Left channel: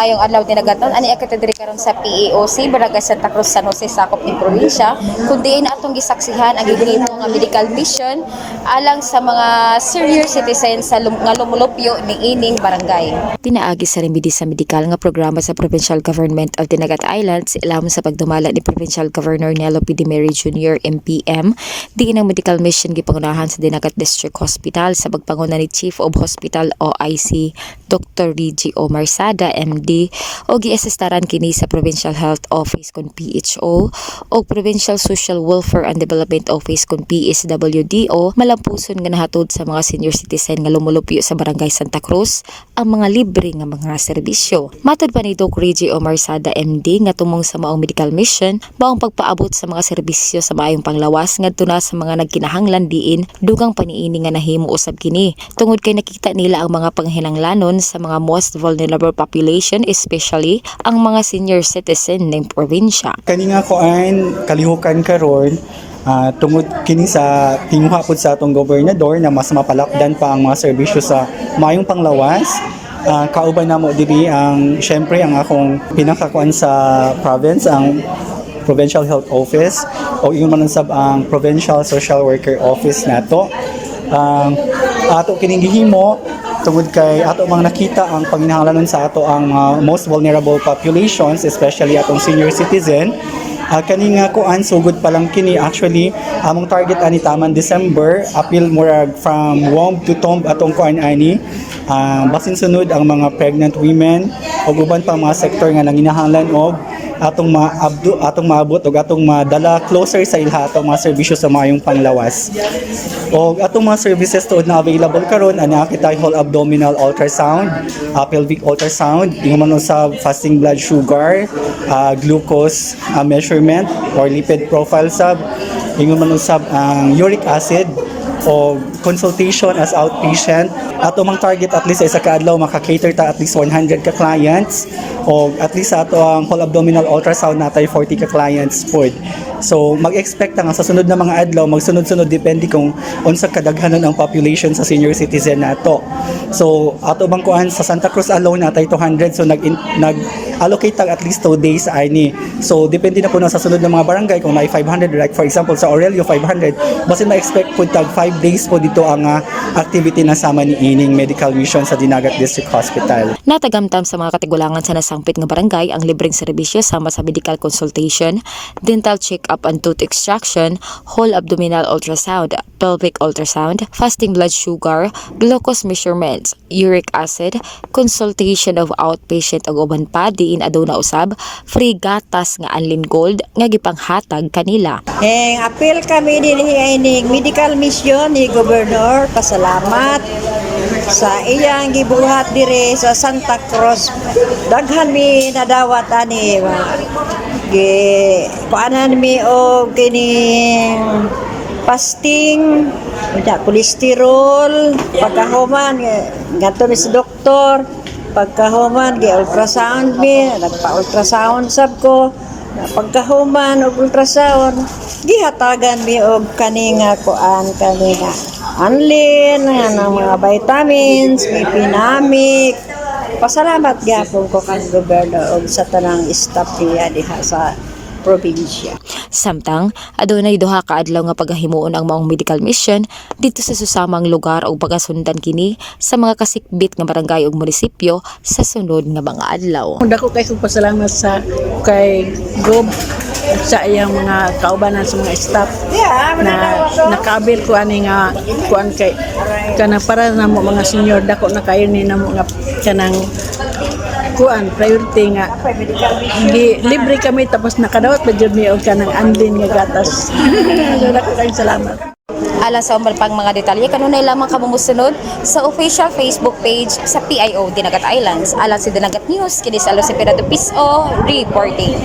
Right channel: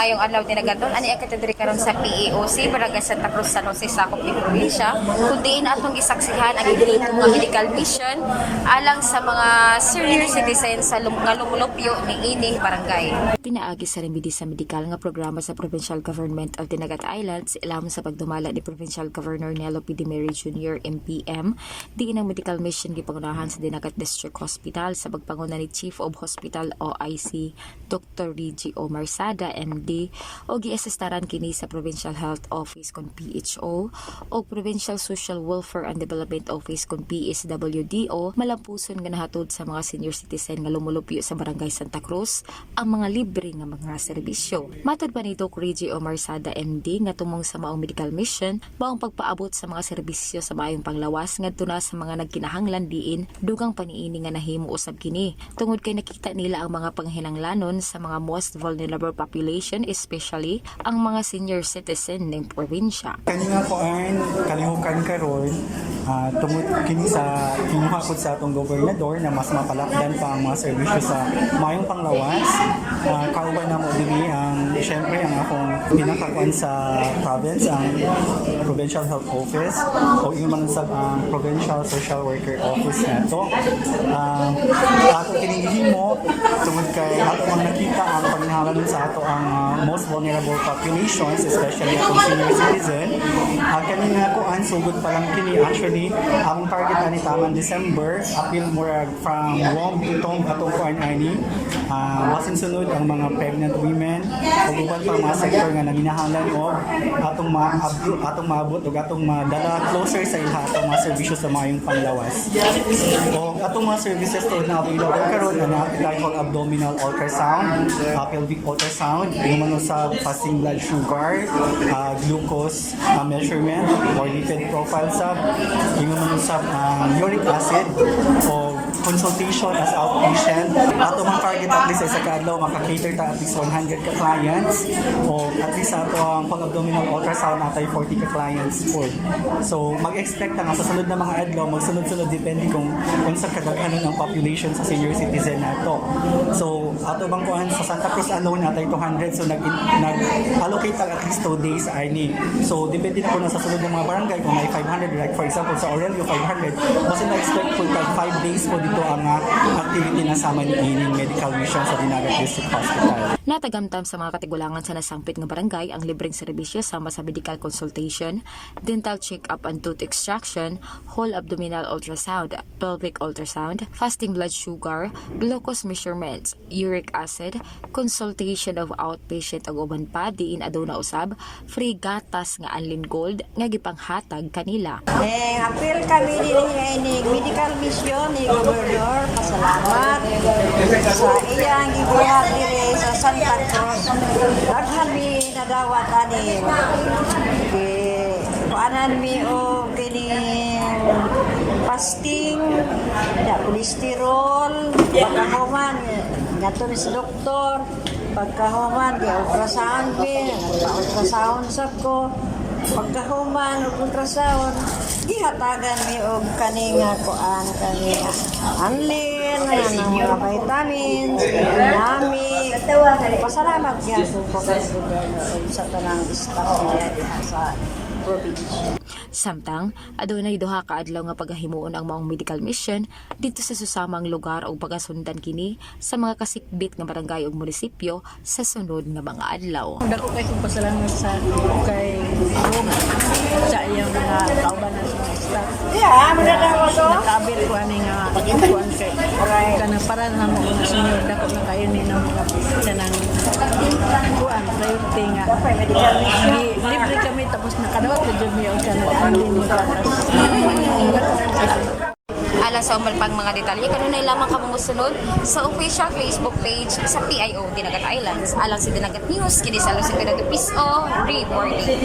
Mayong adlaw tinagaton ani akatedri karon sa PAOC Barangay Santa Cruz San Jose sakop ni probinsya kundi atong gisaksihan ang gidito nga medical mission alang sa mga senior citizens sa nga lumulupyo ni ining barangay. Tinaagi sa remedy sa medikal nga programa sa Provincial Government of Dinagat Islands ilawom sa pagdumala ni Provincial Governor Nelo P. Dimeri Jr. MPM diin ang medical mission gipangunahan sa Dinagat District Hospital sa pagpanguna ni Chief of Hospital OIC Dr. Reggie Omar Sada MD o giasistaran kini sa Provincial Health Office kon PHO o Provincial Social Welfare and Development Office kon PSWDO malampuson nga nahatod sa mga senior citizen nga lumulupyo sa Barangay Santa Cruz ang mga libre nga mga serbisyo. Matod pa ni Dr. Reggie Omar Sada MD nga tumong sa maong medical mission maong pagpaabot sa mga serbisyo sa maayong panglawas ngadto na sa mga nagkinahanglan diin dugang paniini nga nahimo usab kini tungod kay nakita nila ang mga panghinanglanon sa mga most vulnerable population especially ang mga senior citizen ng probinsya. Kani nga ko ay kalihukan karon tungod kini sa timuha pod sa atong gobernador na mas mapalakdan pa ang mga serbisyo sa mayong panglawas. Kauban na mo diri ang syempre ang akong pinakakuan sa province ang Provincial Health Office o ingon man sab ang Provincial Social Worker Office nato. Ato kining gihimo tungod kay ato mang nakita ang panginahanglanon sa ato ang most vulnerable populations especially atong senior citizen. Kani nga kuan sugod pa lang kini actually among target ani taman December apil murag from womb to tomb atong kuan ani basin sunod ang mga pregnant women ug uban pang mga sektor nga nanginahanglan og atong maabot ug atong madala closer sa ilha atong mga serbisyo sa mayong panglawas. Og atong mga services tuod na available karon ana kita whole abdominal ultrasound, pelvic ultrasound, ingon sa fasting blood sugar, glucose measurement or lipid profile sab, ingon man usab ang uric acid o consultation as outpatient. Ato mang target at least sa kaadlaw maka-cater ta at least 100 ka clients o at least ato ang whole abdominal ultrasound natay 40 ka clients pod. So mag-expect nga sa sunod na mga adlaw magsunod-sunod depende kung unsa kadaghanon ang population sa senior citizen nato. So ato bang kuan sa Santa Cruz alone natay 200 so nag-allocate tag at least 2 days ani. So depende na po na sa sunod na mga barangay kung may 500 like for example sa Aurelio 500 basta na-expect po tag 5 days po dito ang activity na sama ni ining medical mission sa Dinagat District Hospital. Natagamtam sa mga katigulangan sa nasangpit nga barangay ang libreng serbisyo sama sa medical consultation, dental check-up and tooth extraction, whole abdominal ultrasound, pelvic ultrasound, fasting blood sugar, glucose measurements, uric acid, consultation of outpatient ug uban pa diin aduna usab free gatas nga Anlin Gold nga gipanghatag kanila. Apil kami dinhi ining medical mission ni Gobernador. Pasalamat sa iyang gibuhat dire sa Santa Cruz. Daghan mi nadawat ani paanan mi og kining fasting, kolesterol, pagkahuman gato mi sa doktor, pagkahuman gi-ultrasound mi, nagpa-ultrasound sab ko. Pagkahuman og ultrasound gihatagan mi og kaninga kuan kanina Anlin nga mga vitamins, ipinamik. Pasalamat gyapon ko kay gobernador og sa tanang staff niya diha sa probinsya. Samtang adunay duha ka adlaw nga paghimuon ang maong medical mission dito sa susamang lugar o pagasundan kini sa mga kasikbit nga barangay ug munisipyo sa sunod nga mga adlaw. Dako kay kong pasalamat sa kay Gob sa iyang mga kaubanan sa mga staff na nakabil ko ani nga kuan kay kana para na mo mga senior dako na kayo ni na mga kanang kuan priority nga libre kami tapos nakadawat pa jud mi og kanang Anlin nga gatas. Dako kay salamat. Alang sa umbal pang mga detalye kanunay lamang kamo mosunod sa official Facebook page sa PIO Dinagat Islands. Alang sa Dinagat News kini sa Los Piso reporting.